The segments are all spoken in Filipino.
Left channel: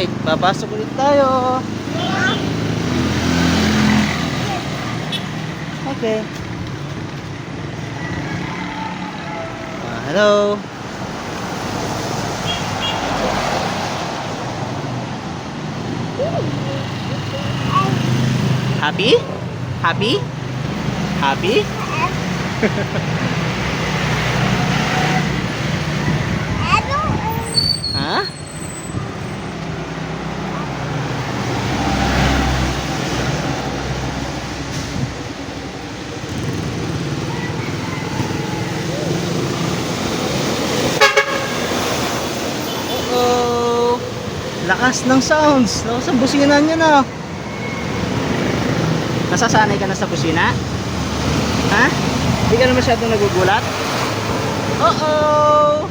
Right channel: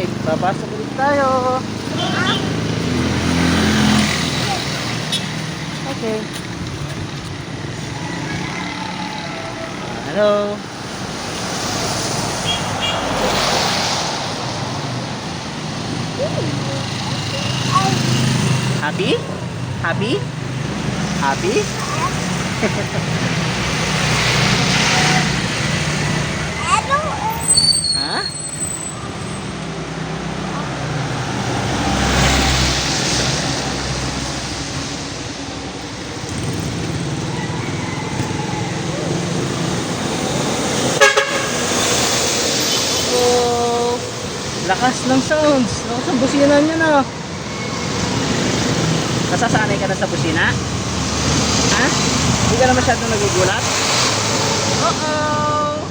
Okay, papasok ulit tayo. Okay. Hello. Happy? Happy? Happy? Hah? Oh, lakas ng sounds. Lakas ng busina nyo na. Nasasanay ka na sa busina? Ha? Hindi ka na masyadong nagugulat? Uh-oh!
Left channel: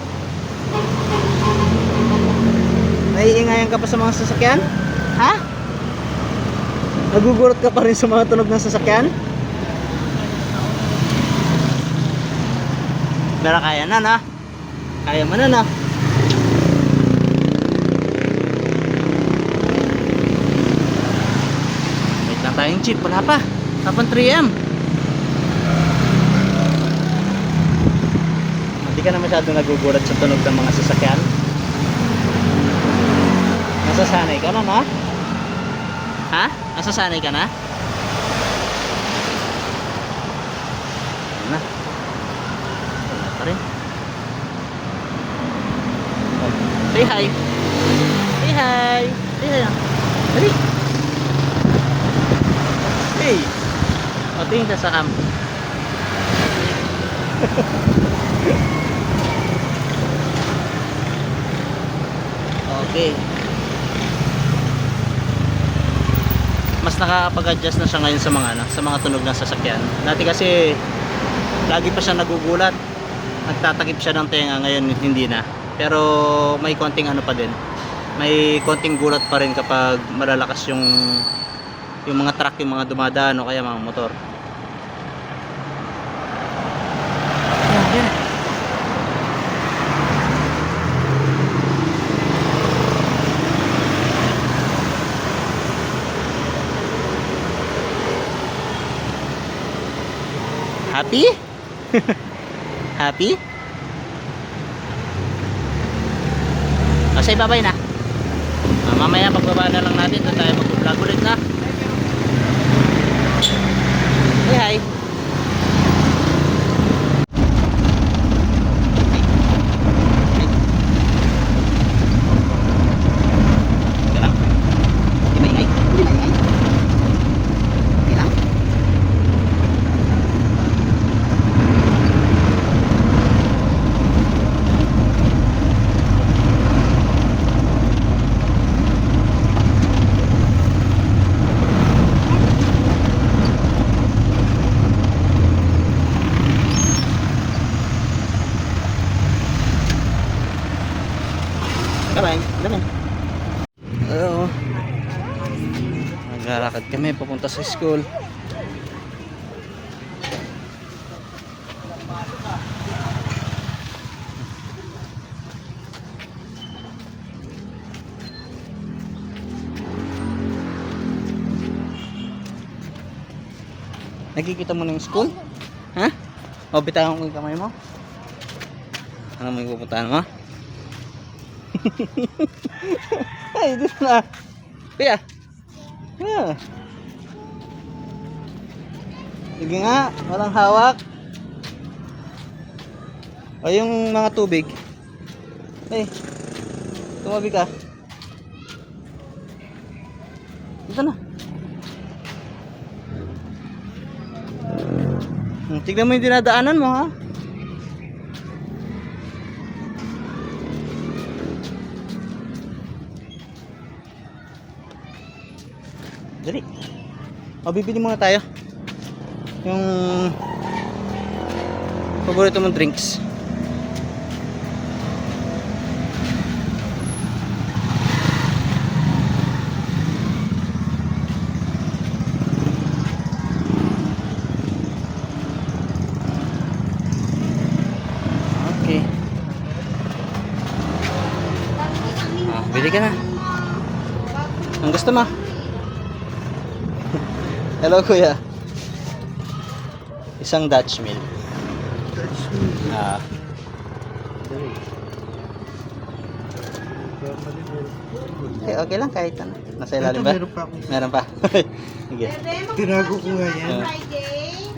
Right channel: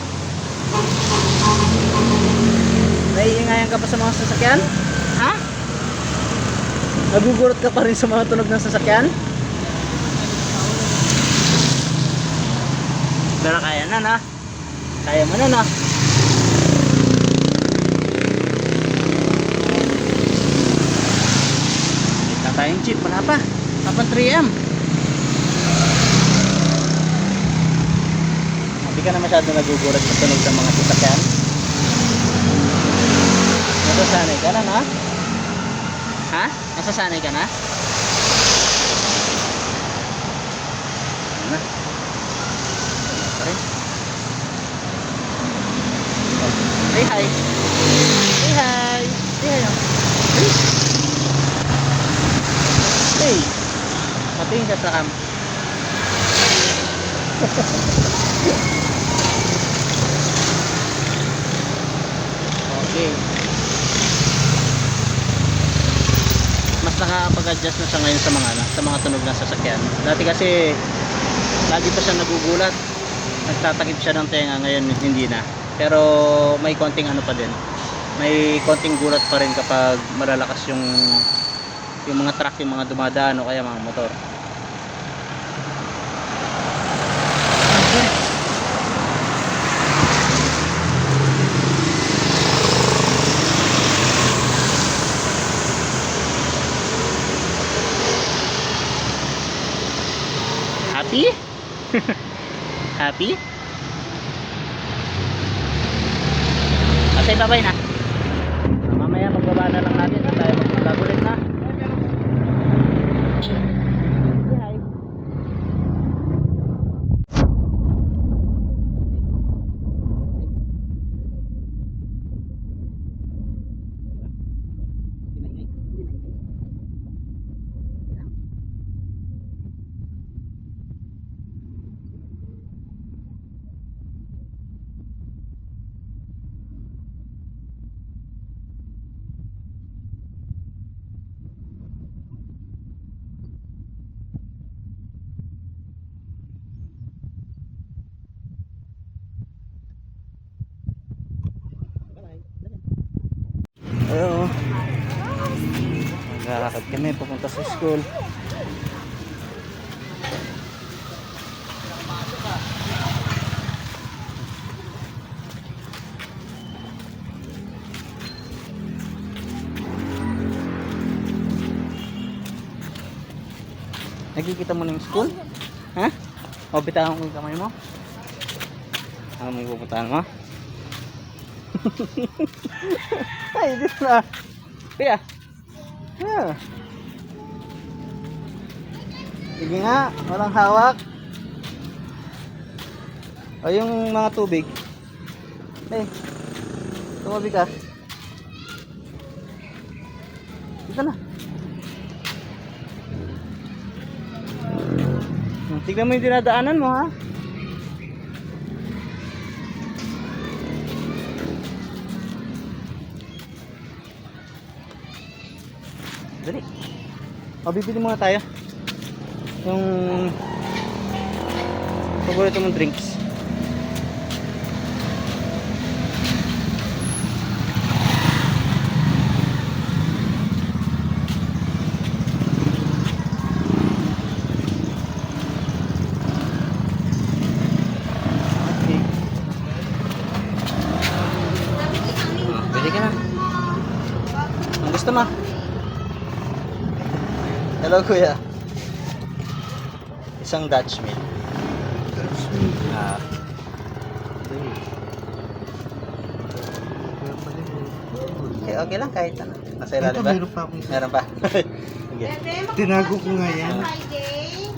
Naiingayan ka pa sa mga sasakyan? Ha? Nagugulat ka pa rin sa mga tunog ng sasakyan? Pero kaya na na. Kaya mo na na. Wait na tayong jeep. Wala pa. Tapang 3am. Hindi ka na masyadong nagugulat sa tunog ng mga sasakyan? Nasasanay ka na, ha? Ha? Nasasanay ka na? Ano? Say hi. Say hi. Say hi. Hey. Hey. Patingin ka sa amp. Okay. Mas nakakapag-adjust na siya ngayon sa mga tunog ng sasakyan. Dati kasi lagi pa siya nagugulat. Nagtatakip siya ng tenga, ngayon hindi na. Pero may konting ano pa dun. May konting gulat pa rin kapag malalakas yung mga truck, yung mga dumadaan o kaya mga motor. Happy? Happy? Masay babay na. Mamaya pagbaba na lang natin at tayo mag-vlog ulit na. Say hi. Bye-bye. Oo. Naglalakad kami papunta sa school. Nakikita mo na yung school? Ha? O, bitawan ko yung kamay mo. Ano may pupuntahan mo? Ay, dito na. Kuya. Yeah. Sige nga, walang hawak. O yung mga tubig. Ay, tumabi ka. Dito na. Tignan mo yung dinadaanan mo, ha? Dali. O, bibili muna tayo. Yung paborito mong drinks. Okay. Bili ka na. Ang gusto mo? Hello, kuya. Isang Dutch mill. Ah. Okay, okay lang kahit ano. Nasa ilalim ba? Meron pa akong isa. Meron pa. Sige. Tinago ko nga yan. Friday.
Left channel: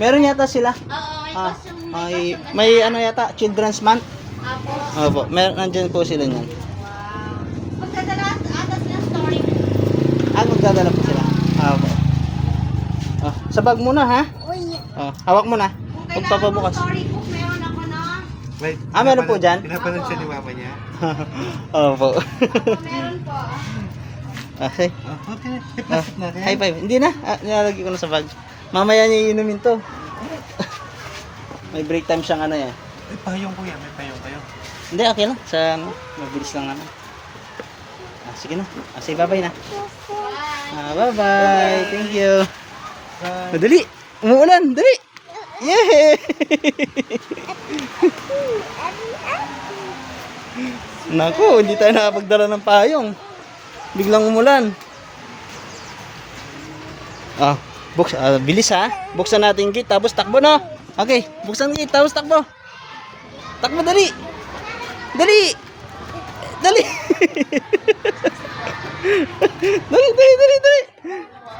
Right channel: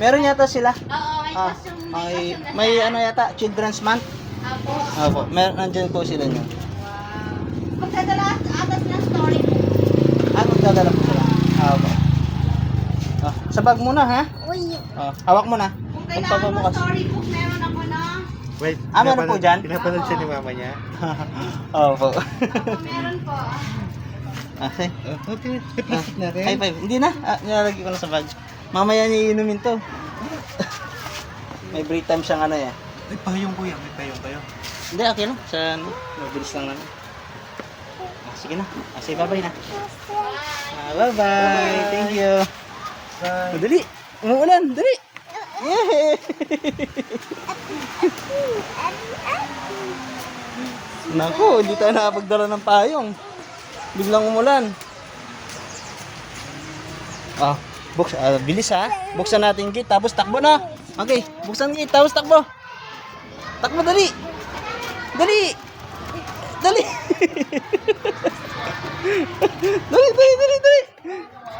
Meron yata sila. Oo, may Ah, costume. may ano yata, Children's Month. Apo. Opo, meron nandiyan po sila niyan. Wow. Magdadala atas ng story mo. Ano dadala po sila? Opo. Oh, sa bag mo na ha? Uy. Oh, hawak mo na. Kung kailangan mo Pagpapabukas. storybook, meron ako na. Wait, Meron po dyan? Pinapanood siya ni mama niya. Opo. Ako meron po. Okay. Oh, okay. Ipasok natin. High five. Hindi na. Nilalagay ko na sa bag. Mamaya niya iinumin to. May break time siyang ano yan. May payong kuya, may payong kayo. Hindi, okay lang. Sa ano, mabilis lang naman. Sige na. Sige, bye-bye na. Bye-bye. Thank you. Dali. Umuulan. Dali. Yay! Naku, hindi tayo nakapagdala ng payong. Biglang umulan. Bilis ha. Buksan natin yung gate, tapos takbo no. Okay, buksan yung gate, tapos takbo. Takbo, dali. Dali. Dali. Dali.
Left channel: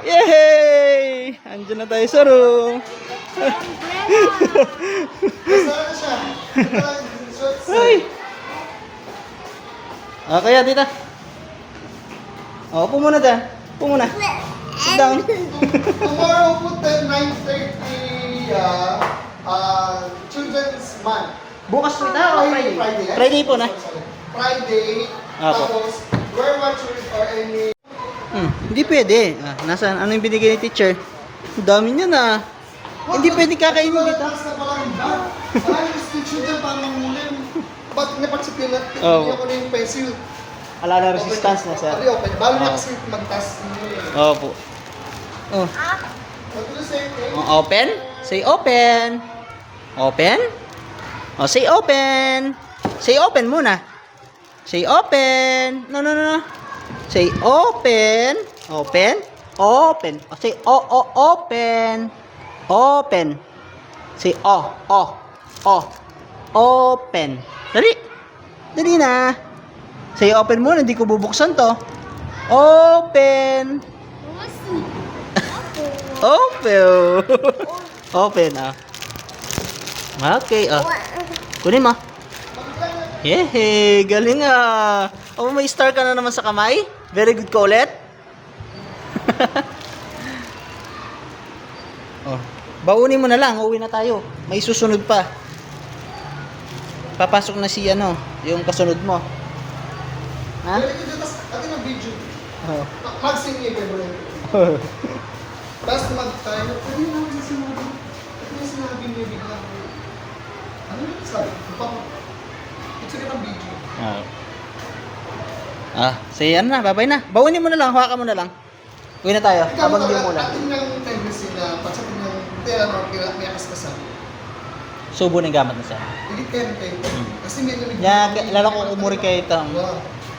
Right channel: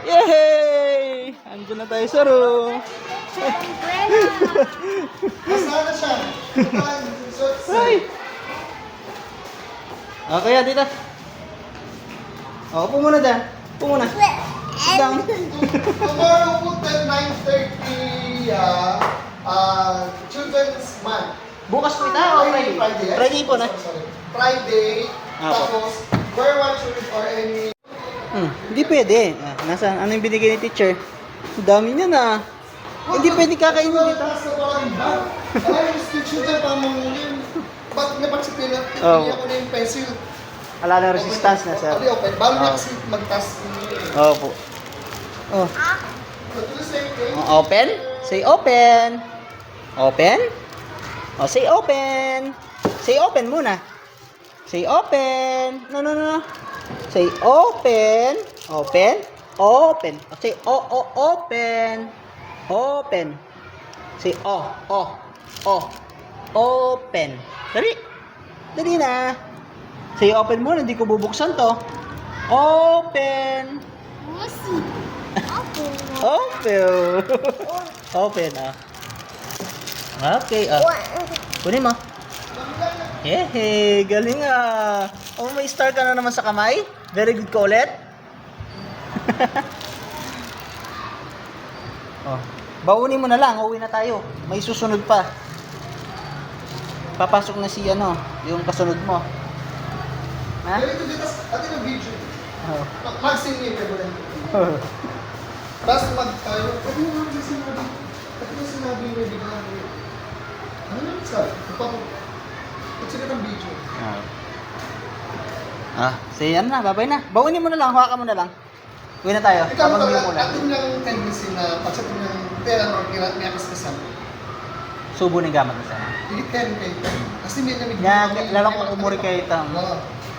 Yay! Andiyan na tayo sa room. Nasaan na siya? Ay. Kaya dito. Upo muna dyan. Upo muna. Sit down. Tomorrow po 9:30 Children's Month. Bukas po tayo. Friday. Friday po na. Friday. Apo. Tapos, wear one shoes or any... Hindi pwede. Nasaan? Ano yung binigay ni teacher? Ang dami niya na. Hindi pwede kakainin dito. Taas na palang ba? Ay, si children pa mamunin. Ba't napagsipin natin? Oo. Hindi ako na yung pencil. Wala na resistance na sir. Sabi open. Balo Oo. na kasi magtas. Opo. Oh. Open? Say open. Open? Oh, say open. Say open muna. Say open. No. Say open. Open. Open. Oh, say open. Open. Say open. Dali na. Say open muna, hindi ko bubuksan to. Open. Open. Open, Okay, kunin mo. Hehe, galing ah. Oh, may star ka na naman sa kamay. Very good ka ulit. Baunin mo na lang, uwi na tayo. May susunod pa. Papasok na si yung kasunod mo. Ha? Ganito dito, atin ang video. Oh. Mag-sing ni Pebble. Tapos mag-tayo. Pwede mo naman sinabi. Pwede mo sinabi may bigla. Ano yung sabi? Sige ng video. Say na, babay na. Baunin mo na lang, hawakan mo na lang. Uwi na tayo. Ikaw Habang ba, hindi umulan. atin yung tendency na pag sa kanyang tela or may akastasan. Subo ng gamit na siya. Hindi kayo. Kasi may nabigla. Ya, lalak ko umuri kayo itang.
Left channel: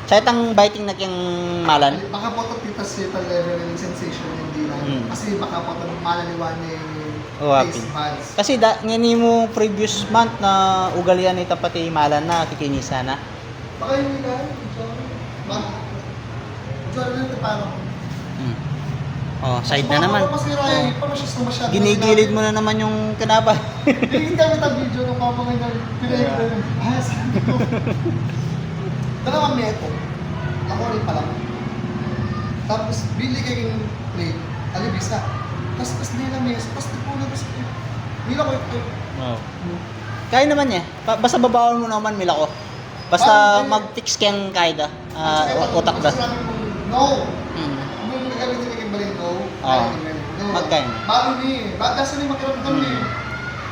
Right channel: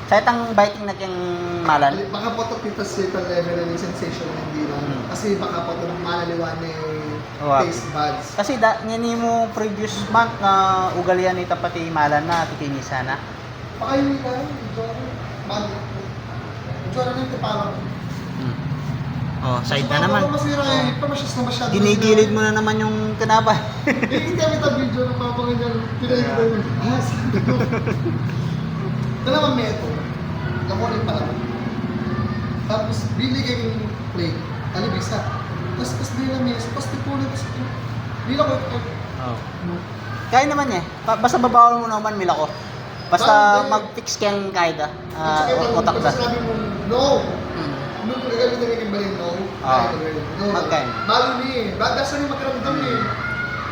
Sa itang biting na kyung malan. Baka po ito tita sa level ng sensation hindi lang. Kasi baka po ito malaliwan taste buds. Kasi ngani mo previous month na ugalian ita pati malan na kikinisa na. Baka yung ilan, ito ito parang Side na naman. Ginigilid Ginigilid mo na naman yung kanapa. Hindi kami ta video ng papangalan. Pinahintay. Sabi ko. Dalawang meto. Ako rin pala. Tapos, bili kayong plate. Alibis ka. Tapos nila mesa. Tapos tipunan ko sa ito. Nila ko ito. Kaya naman niya. Basta babawal mo naman mila ko. Basta Bakit? mag-fix kang kaida. At saka ito, Utak ba? pag sabi mo, no. Nung nagagalitin na yung balin, no. No. Magkain. Balo ni. Bagasan ni magkaramdam ni.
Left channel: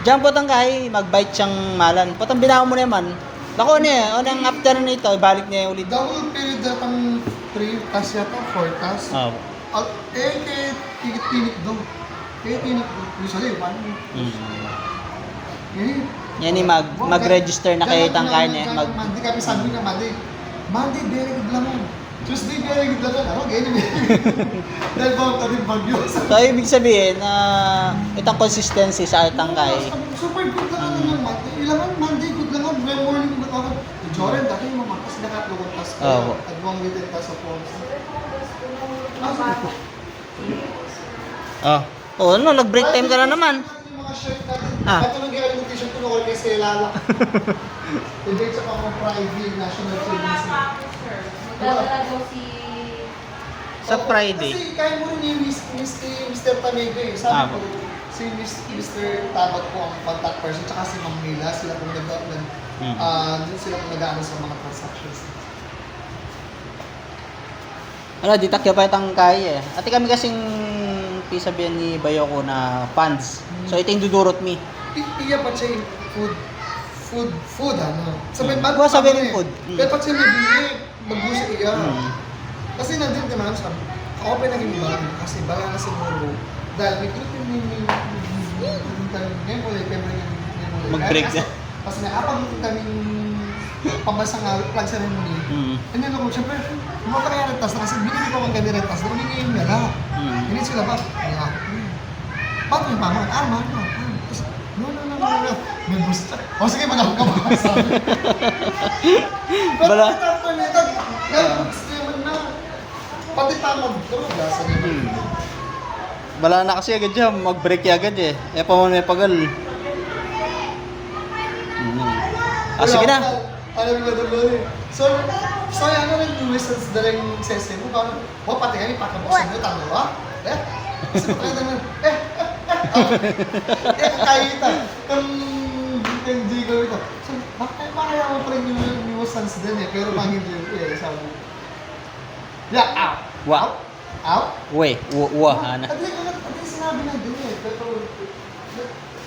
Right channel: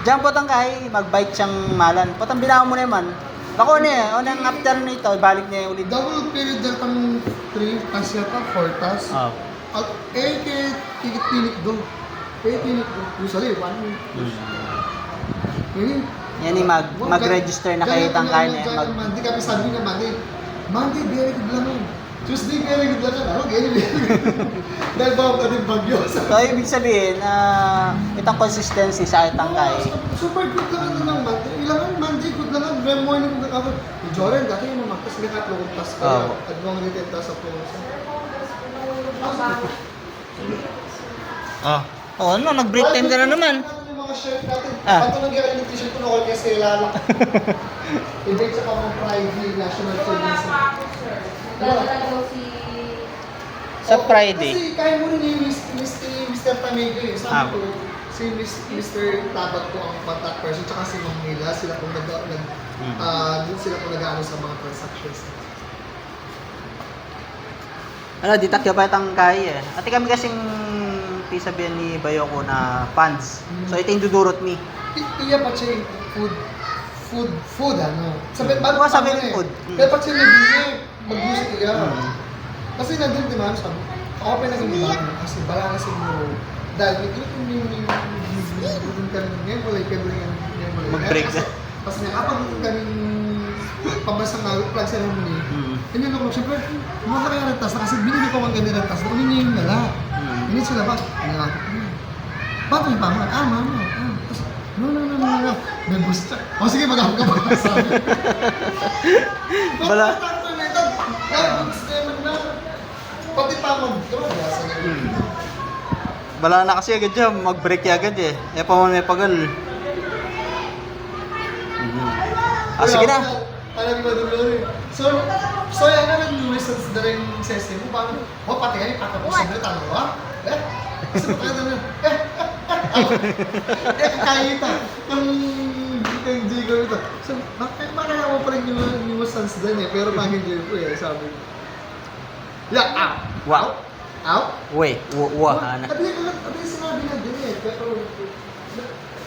Diyan po tang kay mag-bite siyang malan. Potang binawa mo naman. Bako niya, unang after nito, ibalik niya ulit. Double period na kang 3 tas yata, 4 tas. Kaya tinik doon. Kaya tinik doon. Usually, 1. Yan yung mag-register na kayo tang kain eh. Monday kami sabi na Monday. Monday, very good lang. Tuesday, very good lang. Ano, ganyan. Dahil ba ka rin bagyo. So, ibig sabihin, itong consistency sa tangkay. Super good lang ano lang man. Ilangan Monday, good lang ang may morning good ako. Joren, dati yung mamagtas na katlong tas ka. Oo. At mga nitenta sa phone. Oh, ano, nag-break time ka na naman. Yung mga shirt natin. Ah. Patulog yung yung t-shirt ko na all kasi lalak. Ibig sa pang Friday, National Service. Dala daw si... Sa Friday. Kasi kaya mo rin yung Mr. Tamego eh. Ah. Sabi ko, si Mr. Tabag po ang contact person, tsaka si Ma'am Mila, sila kung sila kung nag-ano sa mga transactions. Ano, di takyo pa itang kaya eh. Ati kami kasing sabihan ni Bayoko na funds. So, ito yung dudurot mi. Iya pa siya yung food ano. Sabi, Huwag sabihin yung food. Dapat siya nabili, mag-music iya. Kasi nandun din naman sa, ako pa naging iba kasi bala na siguro. Dahil may trip ngayon wala yung pwede Mag-break na. Kasi nakapagpunta kaming pabasang plug ceremony. Ano ako, siyempre, mga kaya tas na kasi binili ko ang ganda ng tas. Uling ngayon nga na. Hindi sila ba? Ano ako? Paano yung pamangat? Mahal mo. Tapos, no. May gusto. O sige, mag-ako ka ba? Sabi. Bala. Pati tamag draw, basa niyo. Bala na kasi agad dyan, mag-break agad eh. E pa man may pagal. Sige na. Alam mo ba doon? So yan na ng results na rin sa SM mo. Parang, pati nga yung pakapos sa talo, ha? Kasi pa naman, kakayita. Yung Jigo ito. So, makaya mo pa rin yung sons din eh. Pero pangin Jigo ko eh, sabi. Yeah, ow! Wow. Ow? Uy, ano. At least sinabi na din eh. Pero,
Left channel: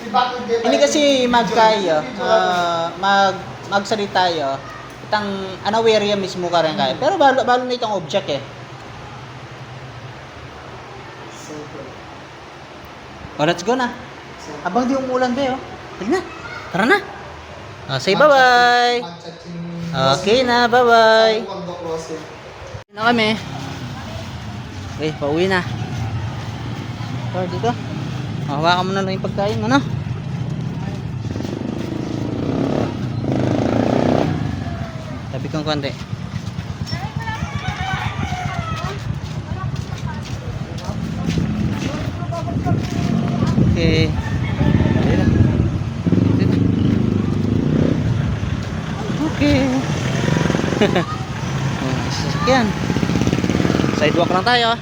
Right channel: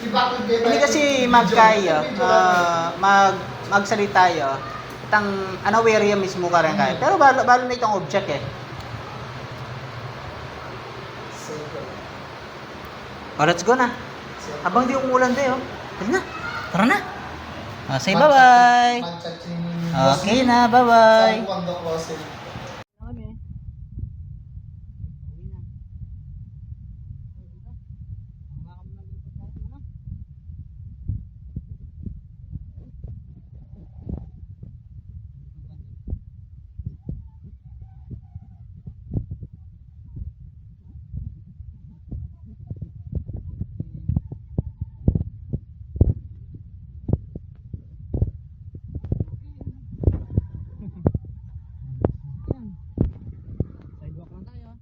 ibakod din. Hindi kasi magkaya, magsalita tayo. Itang unaware yan mismo ka rin kaya. Pero balo na itong object eh. Oh, let's go na. Habang di umulan din oh. Dali na. Tara na. Say bye-bye. Okay na, bye-bye. Na kami. Okay, pauwi na. So, dito. Hawakan mo na lang yung pagkain, ano? Tabi kong konti. Okay. Dito. Dito. Okay. Sasakyan. Sidewalk lang tayo.